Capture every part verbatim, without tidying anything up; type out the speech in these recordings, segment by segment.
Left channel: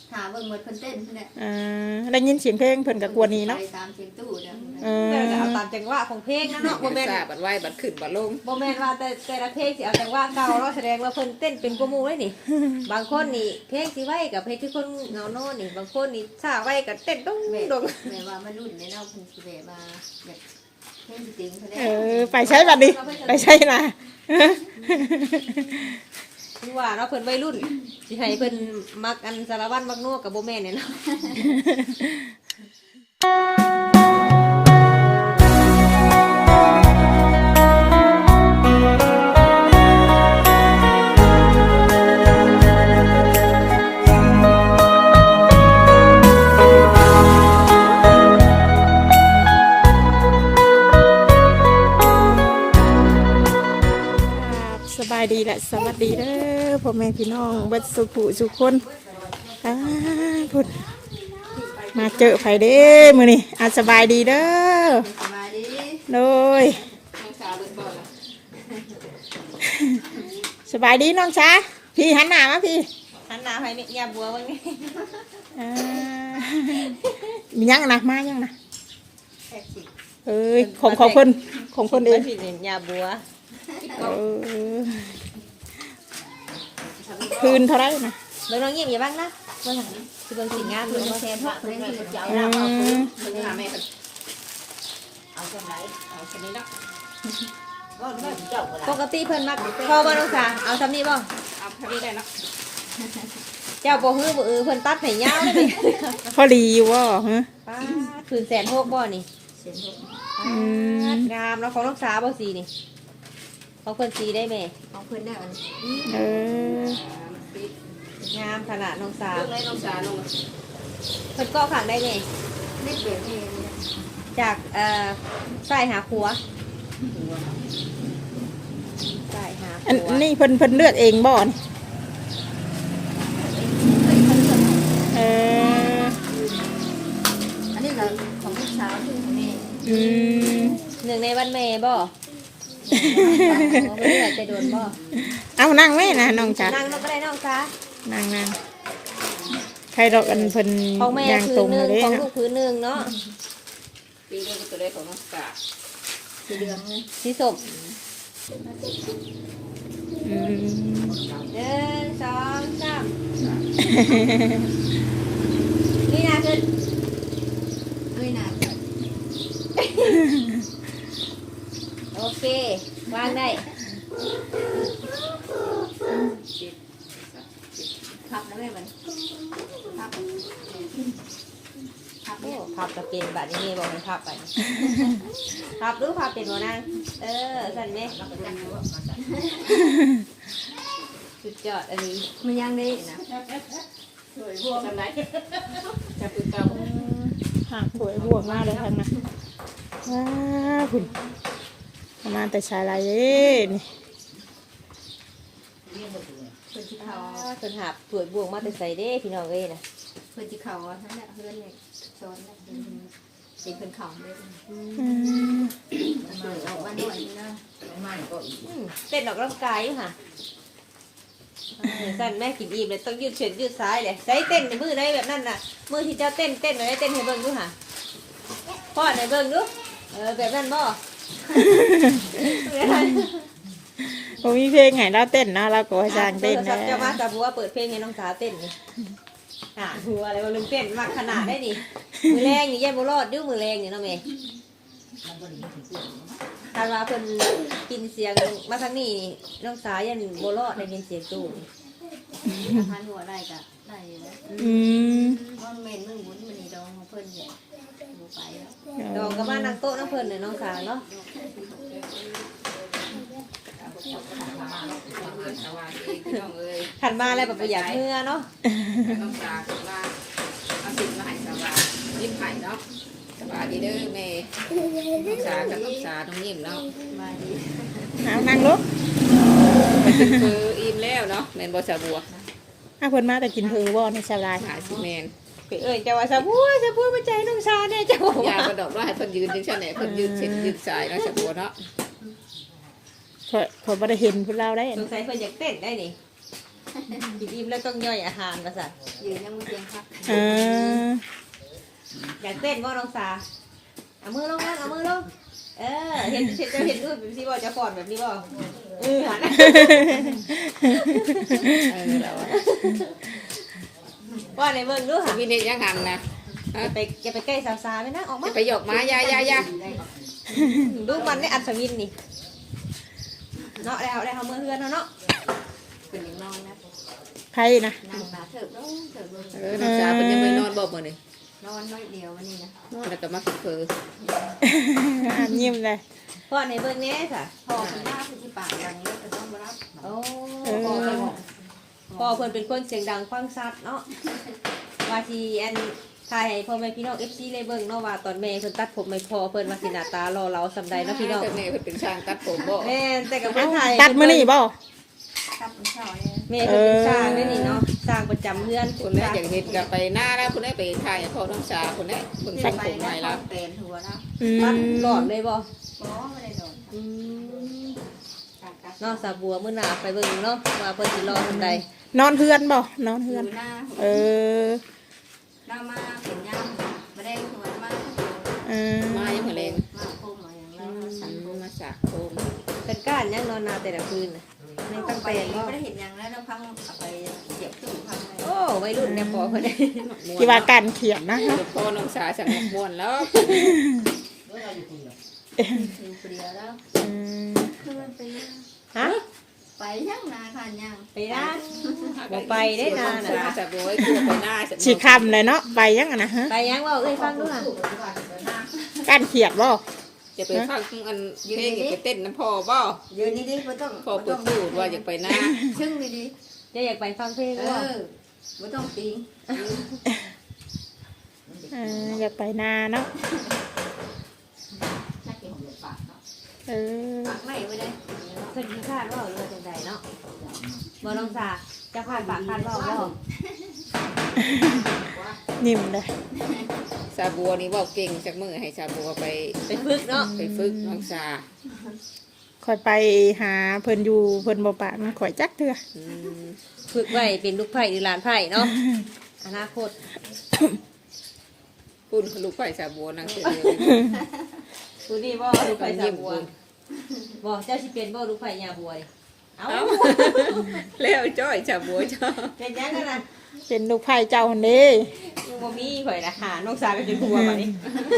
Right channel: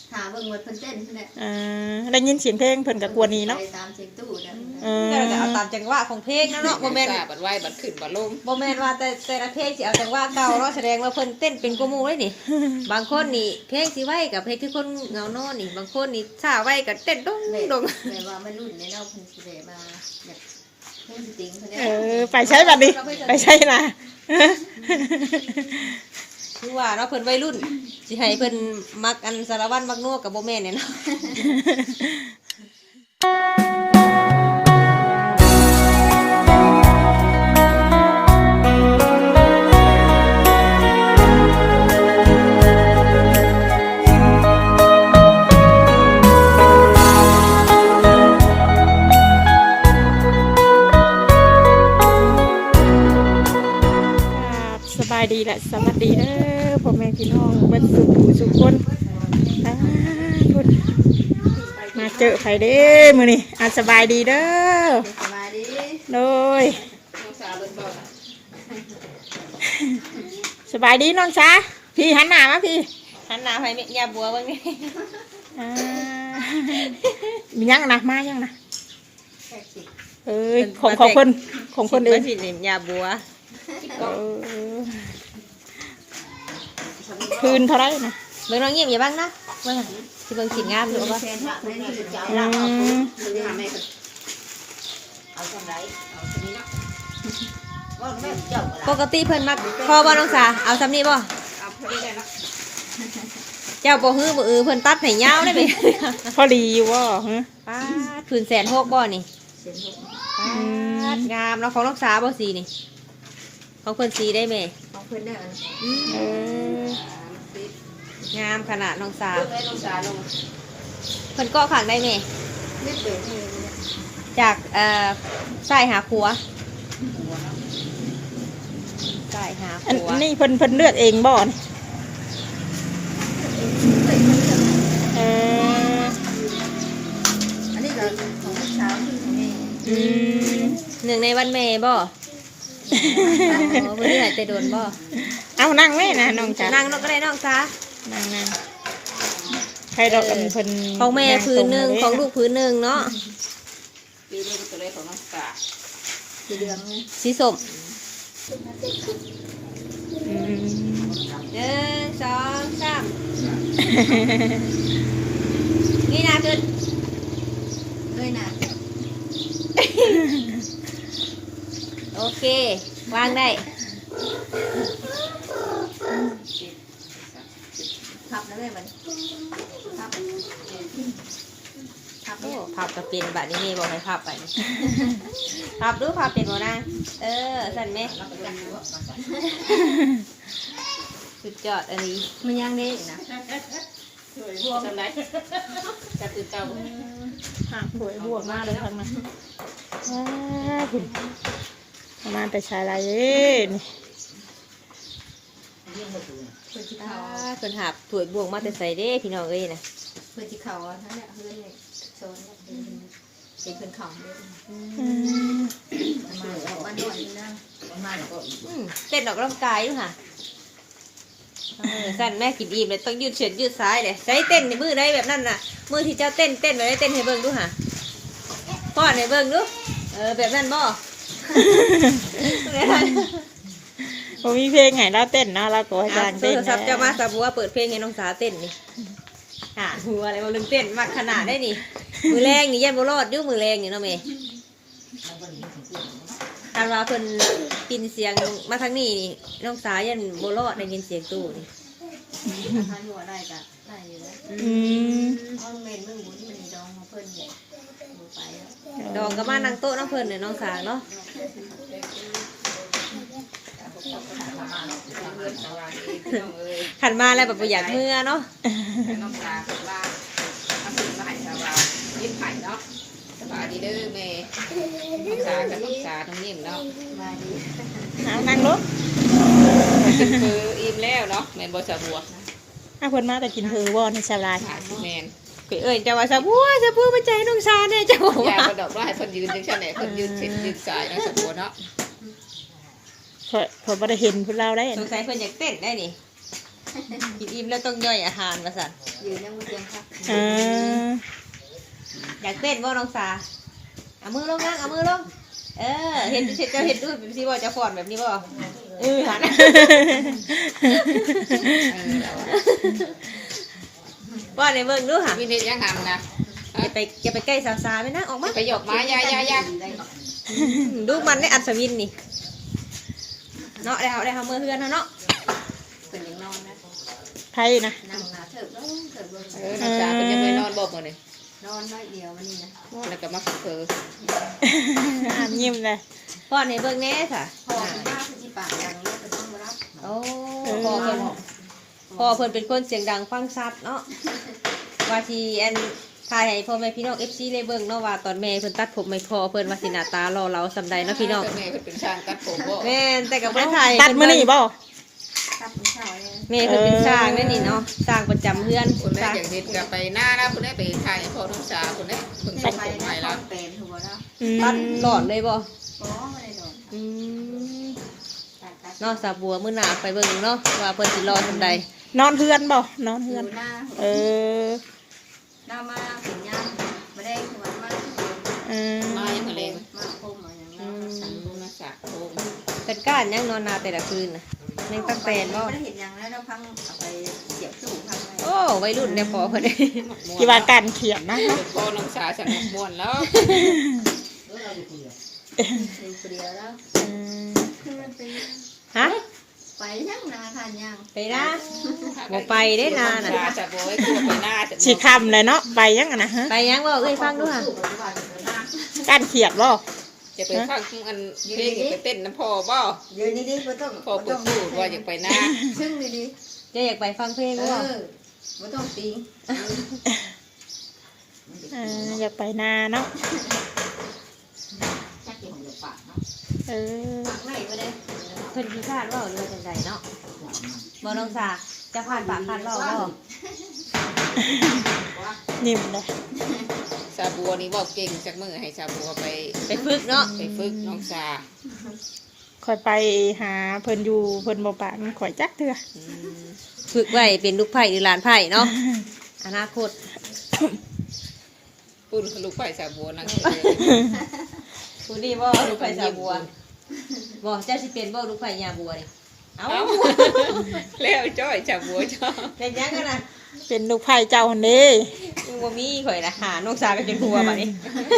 หาเบิ่งหมดเพิ่นเต้นเพิ่นน่ะอ่าได้ยินเสียงเพลงเพิ่นก็กวนนี้เนาะตามเสียงตู้นะเออตามจังหวะของเพลงนะเนาะบ่แม่นบัดไว้บัดขึ้นบัดลงบ่แม่นว่าแต่แต่ละเพลงสิเอาจังหวะเก่าเนาะแสดงว่าเพิ่นเต้นเป็นกว่าหมู่เลยนี่บางคนนี่เพลงสิไว้กับเพลงที่คนเหงาโน่นนี่บางคนนี่ช้าไว้ก็เต้นดงดงแม่ว่ามันรุ่นในเนาะเพิ่นสิได้มาแบบเพลงสิติงเพิ่นเออไปใช้บัดนี้ไปใช้ล่ะคือว่าเนาะเพิ่นวัยรุ่นสิให้เพิ่นมักอันสารวัตรมักนัวกับบ่แม่นเนี่ยเนาะสบายดีแหละสวัสดีเด้อพ่อแม่พี่น้องเบิดสุขผู้สุขคนอ่าพุ่นมาเจอไผเด้อมื้อนี้อ่ะสบายดีเด้อสบายดีโดยสบายดีน้องจ้าพี่หันหน้ามาพี่หันหน้าไปแม่ยาบัวเบิ่งนี่อ่ามียังนะมายังนะเอ้ยของของคนของคนเองสิยาบัวเออคืนเท่าไรนะเบิ่งน้องเงียบอย่าบ้างนะเบิ่งสิเบิ่งสิงามเลยว่าแทนฮอกเลยคือจะเอาเราเอาปืนหาแม่กันเอาจังไดเอาจังนี้เนาะว่าแม่เจ้าล่ะปกติเพิ่นมักพอบ่น้องสาเอาซำนี้บ่เอาพอดีได้เนาะเจ้าบ่ฮื้อบ่อือเพิ่นตัดให้ยาวเลยพอดีอยู่บ่ฮะป้าคืนแสนหกบ่นี่แสนหกอืมงามเนาะของน้องสาบ่สีนี่ของเพิ่นสีได้แม่ของเพิ่นได้อันเอองามขนาดน้องสาลงเลยน้องสาลงเพิ่นเกาะข้างได้แม่นิดเดียวเองจากเอ่อซ้ายหาขวาซ้ายหาขวาอันนี้เพิ่นเพิ่นเลือกเองบ่นี่เอออันนี้เราของลูกสาวคือของแม่อืมหนึ่งในวันแม่บ่โอ้เพิ่นไหนแต่โดนบ่เอานั่งไว้นะน้องจ๋านั่งน้องก็ได้น้องจ้านั่งนั่งใครดอกอันเพิ่นของแม่พื้นหนึ่งของลูกพื้นหนึ่งเนาะปีเดือนตัวได้ของน้องสาสีเหลืองเลยสีส้มอืมหนึ่งสองสามนี่นะขึ้นเอ้ยนะโอเควางได้พับนะแม่มันพับพับเนี่ยพับกับเป็นแบบนี้บอกให้พับไปพับดูพับเป็นหัวหน้าเออสั่นไหมสุดยอดอันนี้มันยังได้นะสวยบวมไหนจะตื่นเต้าหากสวยบวกมากเลยทางนั้นว้าคุณประมาณแต่ชายลายเอ้นี่เพิ่นสิเขาเพิ่นหับถวยบวงมาแต่ใส่เด้พี่น้องเอ้ยนะเพิ่นสิเขานั่นแหละเพิ่นเนี่ยโซนแล้วเป็นเป็นเพิ่นของเลยอืมมาออกมาหน่อยนึงนะมาก็เต้นออกกำลังกายอยู่ค่ะสั่นแม่กินอิ่มเลยต้องยืดเฉียดยืดซ้ายเลยใช้เต้นในมือได้แบบนั้นน่ะมือที่เจ้าเต้นเต้นไว้เต้นให้เบิ่งดูค่ะป้อนให้เบิ่งดูเออแบบนั้นบ่ผมมีเพลงให้เราเต้นนะเราก็อาจารย์เต้นนะจะมาสาบัวเปิดเพลงให้น้องสาเต้นนี่อ่าหัวอะไรมาลืมเต้นมากขนาดได้นี่มือแรงนี่แย่บุรอดยุ่มือแรงนี่น้องเมย์ทางเราเพิ่นปินเสียงมาทางนี้น้องสายันบุรอดได้ยินเสียงตู้นี่ทานหัวได้กะได้อยู่แล้วอืมมันเมนมึงบุญมันนี่ดองของเพิ่นเนี่ยดูไปแล้วดองก็มานั่งโต๊ะน้องเพิ่นเนี่ยน้องสาเนาะขันมาแล้วแบบประหยัดเมื่อเนาะน้องสาคือว่าเอาสิ่งมาให้สาวายิ้มไข่เนาะสบายดีเด้อแม่น้องสากับน้องสาตรงนี้เนาะสบายดีเอานั่งลูกคืออิ่มแล้วเนาะแม่นบ่สาบัวถ้าเพิ่นมาแต่กินเพอบ่ในชาวลายแม่นเอ้ยจะว่าสาบัวสาบัวมาใจน้องสาเนี่ยเจ้าอย่ากระดอกว่าให้เพิ่นยืนจังซั่นแหละเพิ่นยืนเสร็จยืนสายเนาะสาบัวเนาะพอพอบ่ได้เห็นพวกเราได้สงสัยเพิ่นอยากเต้นได้นี่กินอิ่มแล้วต้องย่อยอาหารมาสั่นยืนยังมือเตียงครับเอออยากเต้นบ่น้องสาเอามือลงนั่งเอามือลงเออเห็นจะเห็นรูปแบบนี้บ่จะฟ้อนแบบนี้บ่เออหันว่าในเบิ่งดูหันวินิจยังหันนะอย่าไปอย่าไปใกล้สาวๆไม่นะออกมาไปหยกมายายายาดูมันได้อัศวินนี่เนาะได้เอาได้เอามือเพื่อนเนาะเป็นยังนอนนะไพ่นะนั่งหนาเถิบแล้วเถิบลงเออน้องสาวเป็นยังไม่นอนบอกมาเลยนอนน้อยเดียววันนี้นะแล้วก็มาสุกเฟออ่านยิ้มเลยพ่อในเบิ่งแน่ค่ะพ่อคุณว่าคือที่ปากดังเลยก็ต้องมารับโอ้พ่อเพิ่นพ่อเพิ่นเป็นคนเสียงดังฟังชัดเนาะว่าที่อันถ่ายให้พ่อแม่พี่น้อง เอฟ ซี ได้เบิ่งเนาะว่าตอนแม่เพิ่นตัดผมไม่พอเพิ่นว่าสิหน้าตารอเราสำใดเนาะพี่น้องแม่เป็นช่างตัดผมบ่แม่แต่กับบ่ถ่ายตัดมื้อนี้บ่ตัดผมเช้าเลยแม่เพิ่นเป็นช่างเด้นี่เนาะช่างประจำเฮือนคนนี้อย่างเห็นกับไปหน้าแล้วคนนี้ไปถ่ายพ่อน้องสาวคนนี้คนตัดผมใหม่แล้วเป็นหัวแล้วอืตัดมหลอดเลยบ่อ๋อไม่ได้โดนอืมเนาะสาวบัวมื้อหน้าไปเบิ่งเนาะว่าเพิ่นสิรอสำใดนอนเฮือนบ่นอนเฮือนหน้าเออหน้ามาเสียงยามไม่ได้หัวมาเออมาอย่างมะเร็งมาโค้งมาอย่างนั้นสันมาสักโค้งเป็นก้านยังนอนนาแต่ละคืนน่ะแม่งตั้งแต่เนาะไม่ได้เห็นอย่างแล้วเราพังเอาไปเสียบตู้พังไว้โอ้วัยรุ่นเนี่ยพอเพิ่นได้ที่ว่าการเขียนนะคะพ่อน้องสาวสันม่วนแล้วอยู่เปลี่ยวแล้วเออคือมันไปฮะไปยังนาทานยังไปนะบ่ไปได้นานน่ะจะโบยคือไปหน้าสิคำเลยเนาะไปยังอะนะฮะไปยังบ่เอ้ยฟังดูค่ะการเขียนบ่จะไปฟังอันเพลงไปเต้นน้ำพ่อบ่ยืนดีๆบ่ต้องพ่อพูดพูดว่าอยากไปหน้าซึ่งดีจะอยากไปฟังเพลงๆเอบ่อบ่ต้องตีเอออยากไปนาเนาะชักเกี่ยวกับปากเนาะเออปากไม่บ่ได้เพิ่นขี้คร้านบ่เรื่องจังไดเนาะบ่น้องสาจะผ่านปากคร้านบ่บ่นิ่มเลยซาบัวนี่บอกเก่งจากมือให้ซาบัวไปไปฝึกเนาะไปฝึกน้องสาคอยไปหาเพิ่นอยู่เพิ่นบ่ปะมันข่อยจักเถื่อฝึกไว้เป็นลูกไผ่หรือหลานไผ่เนาะอนาคตปุ่นลูกไผ่ซาบัวนั่งเฉยผู้นี้บ่ลูกไผ่สาบัวบ่เจ้าสิเป็นบ่ลูกไผ่ยาบัวนี่เอ้าเอ้าเลี้ยวจ้อยซาบัวจ้าเป็นยังกันน่ะเป็นลูกไผ่เจ้าหั่นเด้กูบ่มีข่อยละหาน้องสาก็เป็นผัวบัดนี้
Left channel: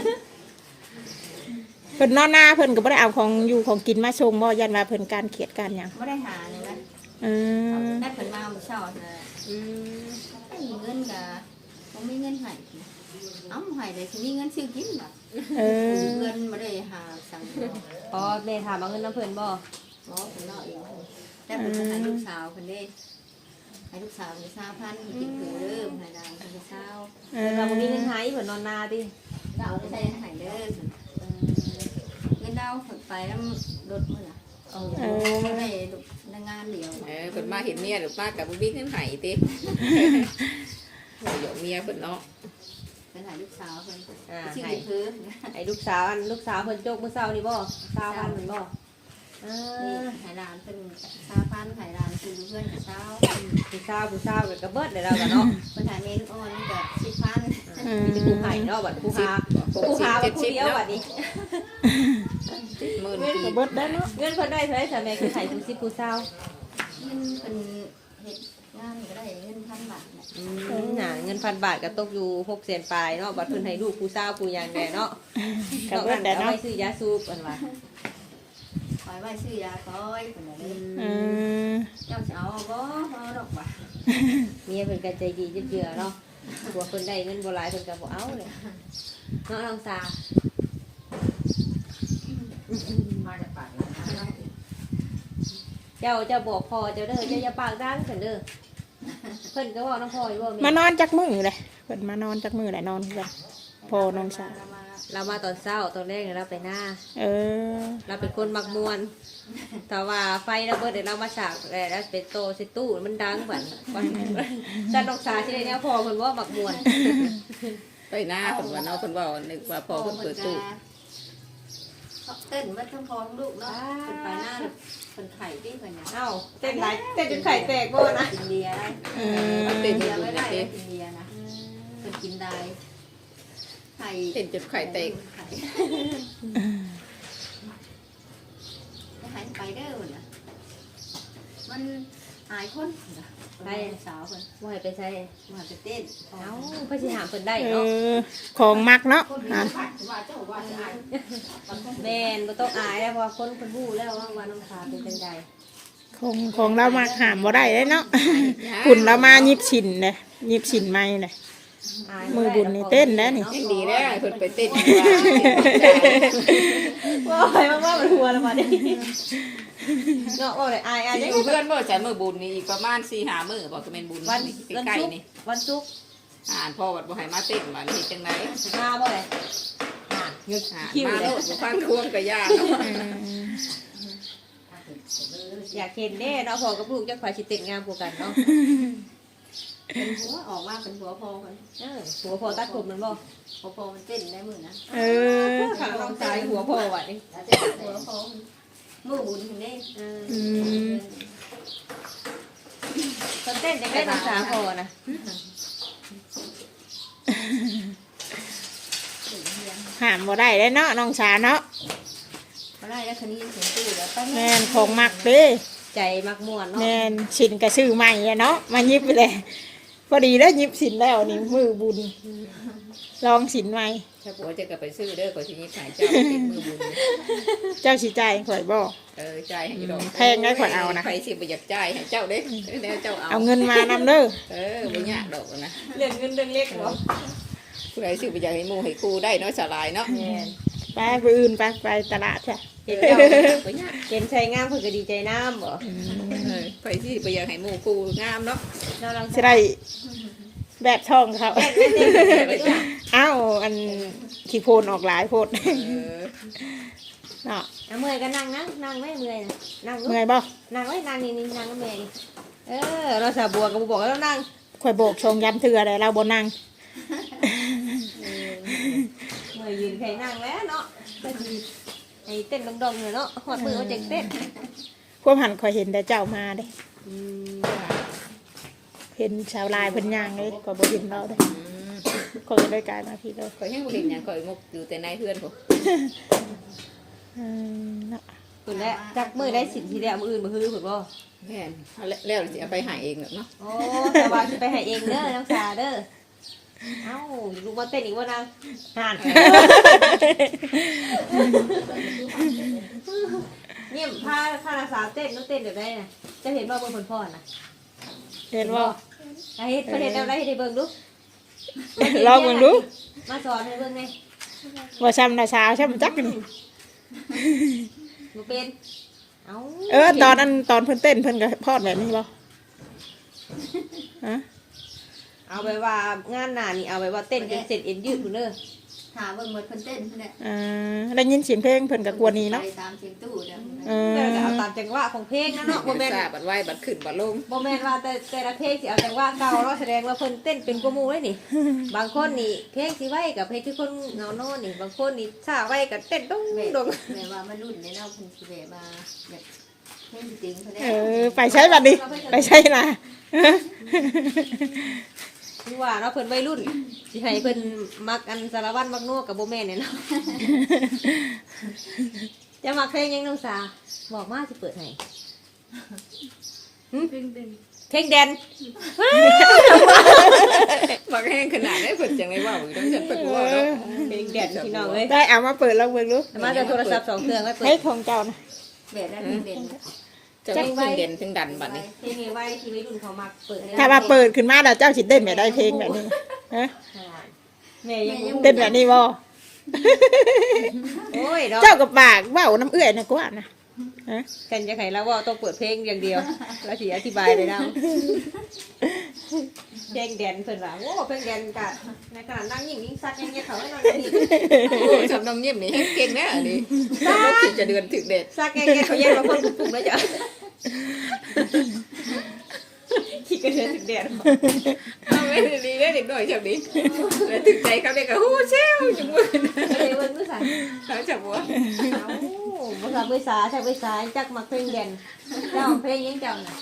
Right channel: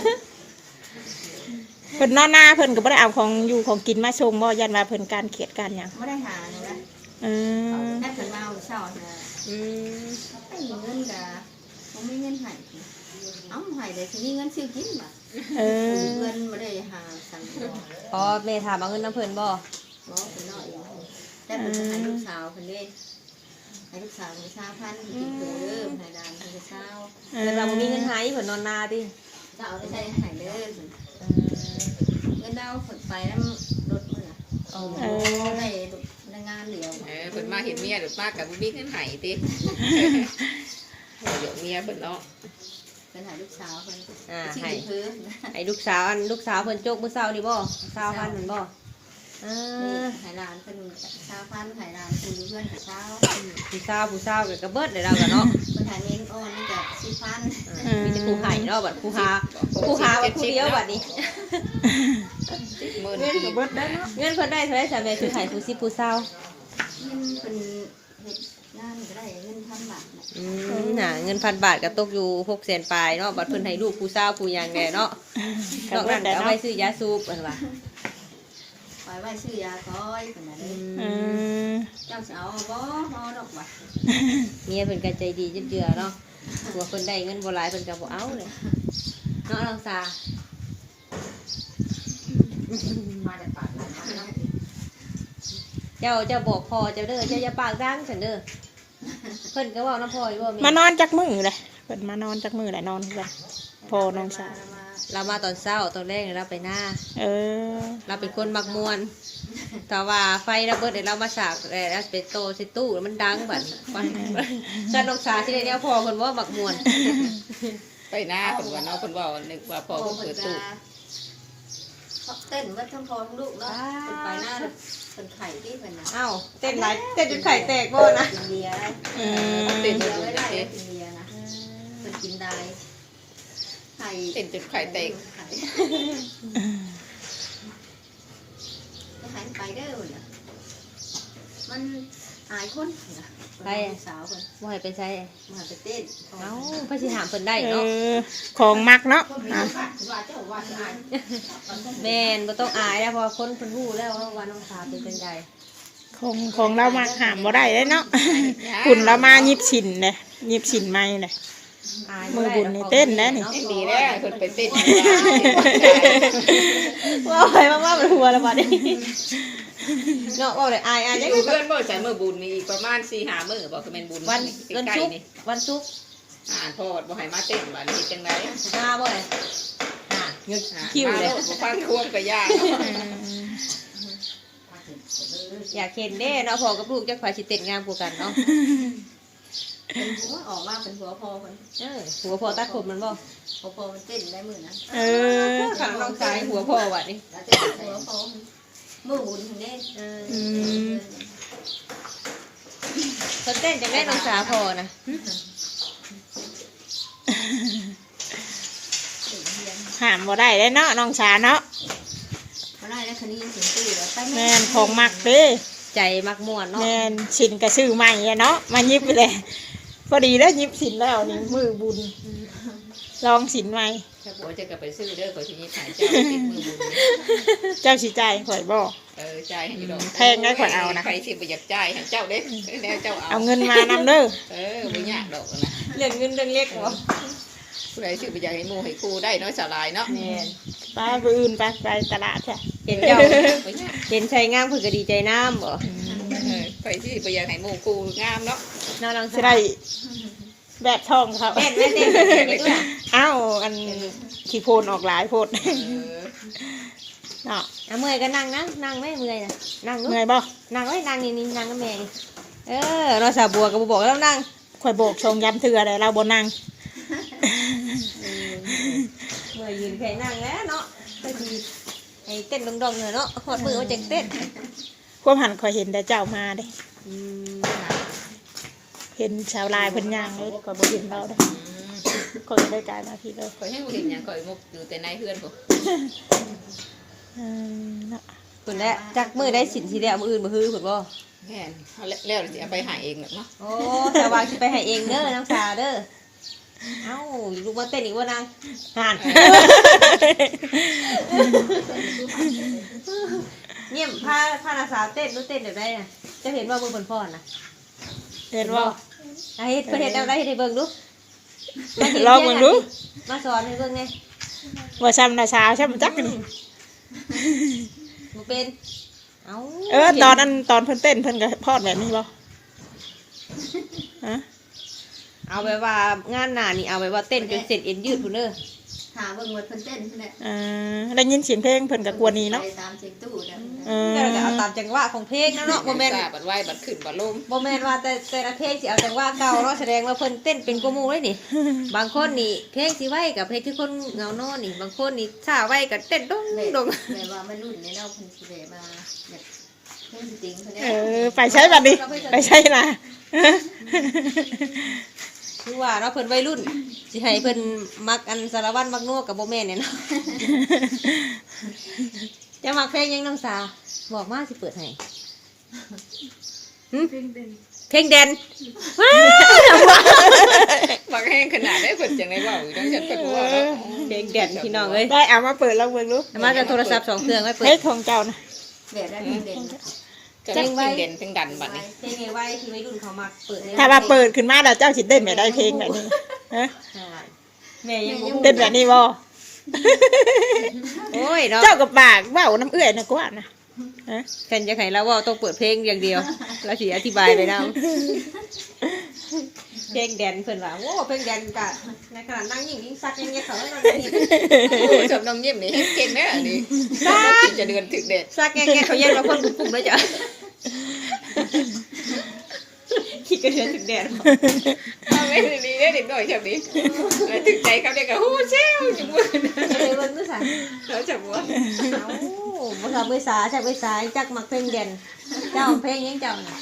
เพิ่นนอนหน้าเพิ่นก็บ่ได้เอาของอยู่ของกินมาส่งบ่ยันว่าเพิ่นการเขียดการหยังบ่ได้หาเลยนะเออได้เพิ่นมาเอาเช้าน่ะอืมไม่มีเงินก็บ่มีเงินให้เอ้าให้ได้สิมีเงินซื้อกินบ่เออเงินบ่ได้หาสั่งบ่พอแม่ถามเอาเงินน้ำเพิ่นบ่เพิ่นเนาะเองแต่เพิ่นจะให้ลูกสาวเพิ่นเด้ให้ลูกสาวเพิ่นสามพันติดเพิ่มให้ดานเพิ่นจะเช้าเอแต่อเราบ่มีเงินหายเพิ่นนอนนาติจะเอาไปใช้ให้เด้อเพิ่นเงินดาวเพิ่นไปนำรถมื้อน่ะโอ้เออได้งานเดียวเออเพิ่นมาเห็นเมียหรือมากับบิ๊กนั่นไห้ติเดี๋ยวเมียเพิ่นเนาะเป็นหาลูกสาวเพิ่นอ่าชื่อให้เพิ่นไอ้ลูกสาวอันลูกสาวเพิ่นโจกมื้อเช้านี่บ่สาวพันธุ์บ่อ่นี่าไหหลานเพิ่นชาพันธุ์ไหหลานคือเพื่อนกับสาวผู้สาวผู้สาวก็กระเบิดได้แล้วกันเนาะเพิ่นหาเน้นอ่อนนี่กับสิพันธุ์อ่ามีแต่ผู้ให้เนาะบัดผู้หาผู้หาบัดผู้เดียวบัดนี้หมื่นก็เบิดได้เนาะเงินเพิ่นได้เท่าไหร่ซะแม่คือให้ผู้สิบผู้สาวเงินเพิ่นเฮ็ดงานก็ได้เงินพันบาทน่ะอืมน่ะเงินพันบาทก็ตกอยู่หกแสนปลายเนาะบัดเพิ่นให้ลูกผู้สาวผู้หยังแน่เนาะก็นอกเบินั้ดนได้ก็เอาเนาะไว้ซื้อยาสูบเพิ่นว่าคอยไว้ซื้อยาคอยเพิ่นน่ะเด้เออเจ้าสิเอาบ่บ่ดอกบ่เมียเพิ่นก็ใจดีเจือๆเนาะผัวเพิ่นได้เงินบ่หลายเพิ่นก็บ่เอาเลยเนาะน้องสามาแต่ปากมาเจ้าเจ้าบอกพ่อเจ้าเด้อเจ้าอย่าปากดังซั่นเด้อเพิ่นก็เว้านำพ่ออยู่ว่ามานอนจักมือเลยเพิ่นมานอนจักมือแหละนอนคือกันพ่อน้องสาวมาเรามาตอนเช้าตอนแรกเนี่ยเราไปหน้าเออเราเป็นคนมักมวนแต่ว่าไฟระเบิดเดี๋ยวเรามาสากแล้วเป็นโตสิตู้มันดังบัดจันนกสาที่ได้เนี่ยพ่อคนว่ามักมวนไปหน้าเพิ่นว่าเนาะเพิ่นว่านึกว่าพ่อเพิ่นเปิดตู้พอเต้นว่าทั้งพอทั้งลูกเนาะเป็นไปหน้าแบบเป็นไข่ที่เป็นนะเอ้าเต้นไหนเต้นจนไข่แตกโก้นะกินเบียร์ได้อืมกินเบียร์ไม่ได้กินเบียร์นะเป็นกินได้ไข่เห็นจุดไข่เตกไข่จะหายไปได้หมดนะมันหายคนนะได้สาวคนบ่ให้ไปใช้มาไปเต้นเอ้าพระสิถามเพิ่นได้เอเนาะอของมักเนาะคนมีอ่ะขัดว่าเจ้าว่าจะอายแม่นบ่ต้องอายแล้วเพราะว่าคนเพิ่นรู้แล้วว่าวันน้องสาวเป็นจังได๋ของของเรามาหามบ่ได้เลยเนาะ คุณเรามายิบฉินเลยยิบฉินไม่เลยอายมือบุญนี่เต้นแล้วนี่ดีแล้วเพิ่นไปเต้นว่าไปมากๆมันหัวแล้วบัดนี้เนาะโอ้ยอายอายอจังยู่เพื่อนเมื่อจะมือบุญนี่ประมาณสี่ห้ามื้อบอกคือเป็นบุญวันใกวันล้ศุกร์ๆนี่วันศุกร์อ่านพ่อวัดบ่ให้มาเต้นว่านี่จังได๋มาบ่เลยอ่ะหยุดอ่าคิวมาเลโลยดบ่ฟังควงก็ยากเนาะอืมอยากเห็นแน่เนาะพ่อกับลูกจักฝ่ายสิเต้นงามกว่ากันเนาะเป็นหัวออกมาเป็นหัวพอคนเออหัวพ่อตัดผมมันบ่พอพอมันเต้นได้มือนะเออข้างน้องชายหัวพ่อบัดนี้หัวพอมือบุญถึงเด้เอออืมเพิ่นเต้นจังได๋น้องสาวพ่อนะหามบ่ได้เลยเนาะน้องชาเนาะมาได้แล้วคันนี้ยังถึงตู้แล้วไปแม่นของมักเด้ใจมักม่วนเนาะแม่นฉินกระซื้อใหม่อะเนาะมายิบไปเลยพอดีแล้วยิบสินแล้วนี่มือบุญลองสินใหม่ถ้าผัวจะกลับไปซื้อเด้อก็สิยิบหายเจ้าติดมือบุญเจ้าสิจ่ายข่อยบ่เออจ่ายให้ดอกแพงได้ข่อยเอานะใครสิบ่อยากจ่ายให้เจ้าเด้แน่เจ้าเอาเอาเงินมานำเด้อเออบ่ยากดอกนะเรื่องเงินเรื่องเล็กเนาะผู้ใดสิบ่อยากให้หมู่ให้ครูได้เนาะสลายเนาะแม่นไปไปอื่นไปไปตลาดจ้ะเห็นเจ้าบ่ยากเห็นชายงามเพิ่นก็ดีใจน้ำบ่เออไปสิบ่อยากให้หมู่ครูงามเนาะน้องน้องจะได้แบบทองเขาแม่นแม่นแม่นเอ้าอันขี้โพนออกหลายโพดเออเนาะเอาเมื่อยก็นั่งนั่งนั่งไม่เมื่อยนะนั่งลูกเมื่อยบ่นั่งไว้นั่งนี่นี่นั่งกับแม่นี่เออเราสาวบัวก็บ่บอกแล้วนั่งข่อยโบกชงยำเถื่อเลยเราบ่นั่งเมื่อยยืนใครนั่งแล้วเนาะก็สิไอ้เต้นดงๆเลยเนาะหอดมือเอาจังเต้นความหันข่อยเห็นแต่เจ้ามาเด้อืมเห็นชาวลายเพิ่นย่างเลยข่อยบ่เห็นเราเด้ข่อยก็ได้กลายมาพี่เลยข่อยยังบ่เห็นหยังข่อยงกอยู่แต่ในเพื่อนพุ่นอืมเนาะคนแรกจักมือได้สินทีเดียวมืออื่นมือฮือเพิ่นบ่แม่นเอาแล้วแล้วสิเอาไปหาเองเนาะโอ้แต่ว่าสิไปให้เองเด้อน้องชาเด้อเอ้าลูกมาเต้นอีกบ่นางห่านเยี่ยมพาพานาสาวเต้นรู้เต้นแบบได้น่ะจะเห็นว่าบ่เพิ่นพ่อน่ะเห็นบ่ไอ้เฮ็ดเพิ่นเฮ็ดเอาได้ให้เบิ่งดูลองเบิ่งดูมาสอนให้เบิ่งไงว่าซ้ำน่ะสาวซ้ำจักนี่บ่เป็นเอ้าเออตอนนั้นตอนเพิ่นเต้นเพิ่นก็พอดแบบนี้บ่ฮะเอาไปว่างานหน้านี่เอาไปว่าเต้นจนเสร็จเอ็นยืดพุ่นเด้อถามเบิ่งหมดเพิ่นเต้นเนี่ยอ่าได้ยินเสียงเพลงเพิ่นก็กวนนี้เนาะไปตามเสียงตู้เนี่ยเออแล้วเราจะเอาตามจังหวะของเพลงนะเนาะบ่แม่นทราบบัดไหว้บัดขึ้นบัดลงบ่แม่นว่าแต่แต่ละเพลงสิเอาจังหวะเก่าเนาะแสดงว่าเพิ่นเต้นเป็นกว่าหมู่เลยนี่ บางคนนี่เพลงสิไว้กับเพลงที่คนเหงานอนนี่บางคนนี่ช้าไว้กับเต้นดงแบบดงแบบว่ามันรุ่นในเราเพิ่นสิแบบมาแบบเล่นจริงเพิ่นเอเนี่ยอไปใช้บัดนี้ไปใช้ล่ะคือว่าเนาะเพิ่นวัยรุ่นสิให้เพิ่นมักอันสารวัตรมักนัวกับบ่แม่นเนี่ยเนาะ จะมักเพลงหยังน้ำสาบอกมาสิเปิดให้หึเพลงเด่นบักแห้งขนาดได้เพิ่นจังได๋เว้าอยู่จังซั่นเพิ่นว่าเนาะเพลงเด่นพี่น้องเอ้ยได้เอามาเปิดแล้วเบิ่งดูเอามาจากโทรศัพท์สองเครื่องไว้เปิให้ดของเจ้านะแบบนั้นเด่นก็มีเพลงเด่นเพลงดันบัดนี้เพลงไว้ที่วัยรุ่นเขามักเปิดถ้าว่าเปิดขึ้นมาแล้วเจ้าสิเต้นแบบได้เพลงแบบนี้ฮะแม่ยังเต้นแบบนี้บ่โอ้ยเนาะเจ้ากับปากเว้าน้ำเอื้อยนะกว่านะฮะกันจะไขแล้วว่าต้องเปิดเพลงอย่างเดียวเราสิอธิบายไปแล้วเพลงแดนเพิ่นว่าโอ้เพลงแดนกะในขณะนั่งยิ่งยิ่งซักยิ่งเงี้ยเขาเลยโอ้ชอบน้องยิ้มนี่เก่งแน่อันนี้น้องกินจะเดือนถึงเด็ดซักยิ่งเงี้ยเขาแยกเราคนกลุ่มแล้วจ้ะคิดกระเทือนถึงแดนเอาไว้ดีๆเด้เด็กน้อยชอบดีแล้วถึงใจเขาเด็กก็ฮู้เซลจังว่าเลยวันนู้นซะเขาจะบ่โอ้บ่ทำภาษาใช่ภาษาจักมักเพลงเด่นเจ้าเพลงยังเจ้าน่ะ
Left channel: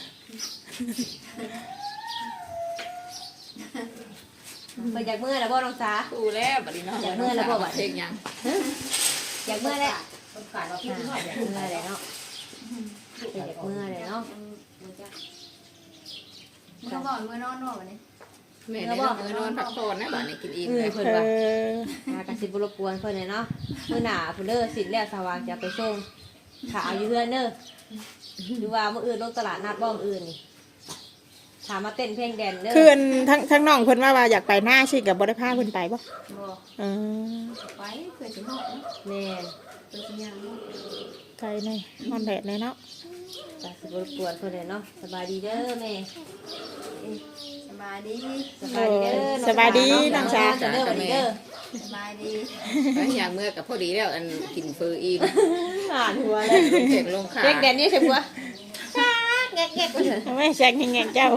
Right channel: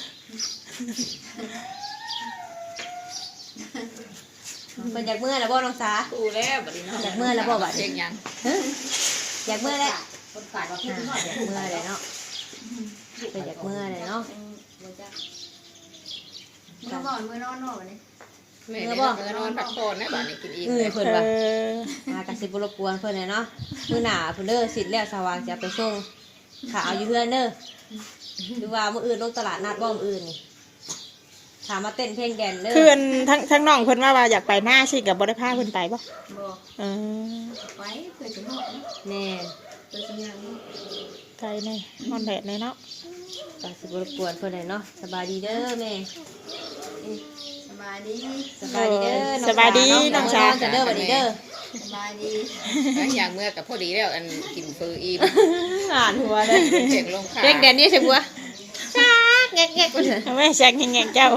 มันอยากเมื่อแล้วบ่น้องสาดูแล้วบัดนี้เนาะอยากเมื่อยแล้วบ่บัดเพลงยังอยากเมื่อแล้วคนขายมาอเพิ่มหน่อยยากเมื่อเลยเนาะอยากเมื่อเลยเนาะบ่จักมึงก็บอกมือนอนนอนวันนี้แม่ได้เมื่อนอนพักผ่อนนะบัดนี้กินอิ่มเออแล้วเพิ่นเอว่าอหากระสิบรบกวนเพิ่นเลยเนาะมื้อหน้าเพิ่นเด้อสิแล้วสว่างจะไปส่งถ้าเอาอยู่เฮือนเด้อหรือว่ามื้ออื่นลงตลาดนัดบ่มื้ออื่นนี่ถามมาเต้นเพลงแดนเด้อคืออันทั้งทั้งน้องเพิ่นว่าว่าอยากไปหน้าสิกับบ่ได้พาเพิ่นไปบ่บอกเออไปเพื่อจะนอนนะแม่นเพื่อจะยังนอนไกลในฮอนแดดเลยเนาะกระสิบรบกวนเพิ่นเลยเนาะสบายดีเด้อแม่เอ๊ะสบายดีสบายดีเด้อสบายดีน้องสาจะเด้อบัดนี้เด้อสบายดีแล้วอย่างเมื่อกับพอดีแล้วอันกินเฟอร์อิ่มอ่านหัวเลยเจ็กลงขาเพลงแดนนี่ใช่ปัวชักแงกแงกเลยไม่แซกแงงๆเจ้า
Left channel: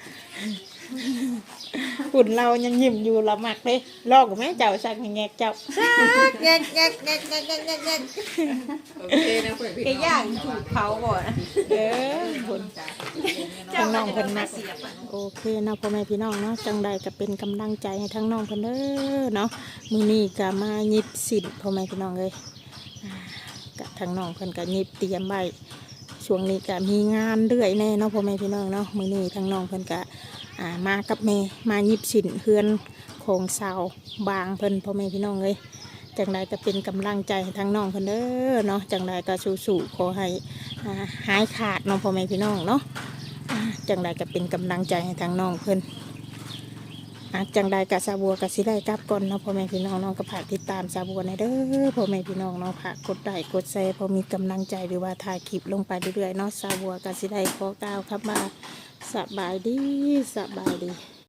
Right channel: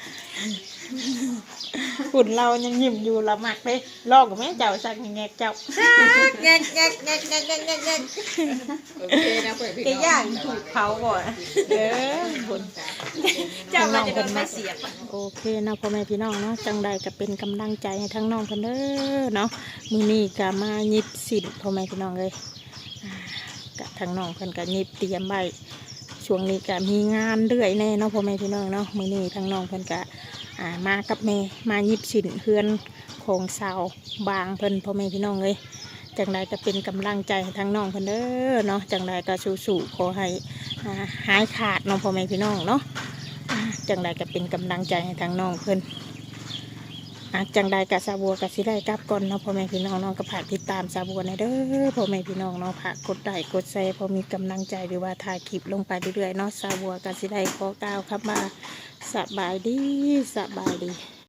หุ่นเรายังยิ้มอยู่ละมักเลยลอกกับแม่เจ้าแซกแงงๆเจ้าชักแงกแงกแงกแงกแงกแงกแงกโอเคนะเพื่อนพี่ไก่ย่างถูกเผาบ่นะเออหุ่นทางน้องเพิ่นมักโอเคเนาะพ่อแม่พี่น้องเนาะจังใดก็เป็นกำลังใจให้ทั้งน้องเพิ่นเด้อเนาะมื้อนี้ก็มาหยิบสินพ่อแม่พี่น้องเลยอ่ากะทางน้องเพิ่นก็หยิบเตรียมไว้ช่วงนี้ก็มีงานเรื่อยแน่เนาะพ่อแม่พี่น้องเนาะมื้อนี้ทางน้องเพิ่นก็อ่ามากับแม่มาหยิบสินเฮือนของสาวบางเพิ่นพ่อแม่พี่น้องเลยจังใดก็เป็นกำลังใจให้ทางน้องเพิ่นเด้อเนาะจังใดก็สู้ๆขอให้อ่าหายขาดเน้องพ่อแม่พี่น้องเนาะอ่าจังใดก็เป็นกำลังใจให้ทางน้องเพิ่นอ่าจังใดก็สาบัวก็สิได้กลับก่อนเนาะพ่อแม่พี่น้องเนาะก็ฝากติดตามสาบัวในเด้อพ่อแม่พี่น้องเนาะฝากกดไลค์กดแชร์พอมีกำลังใจหรือว่าถ่ายคลิปลงไปเรื่อยๆเนาะสาบัวก็สิได้ขอกล่าวครับว่าสบายดีสบายดี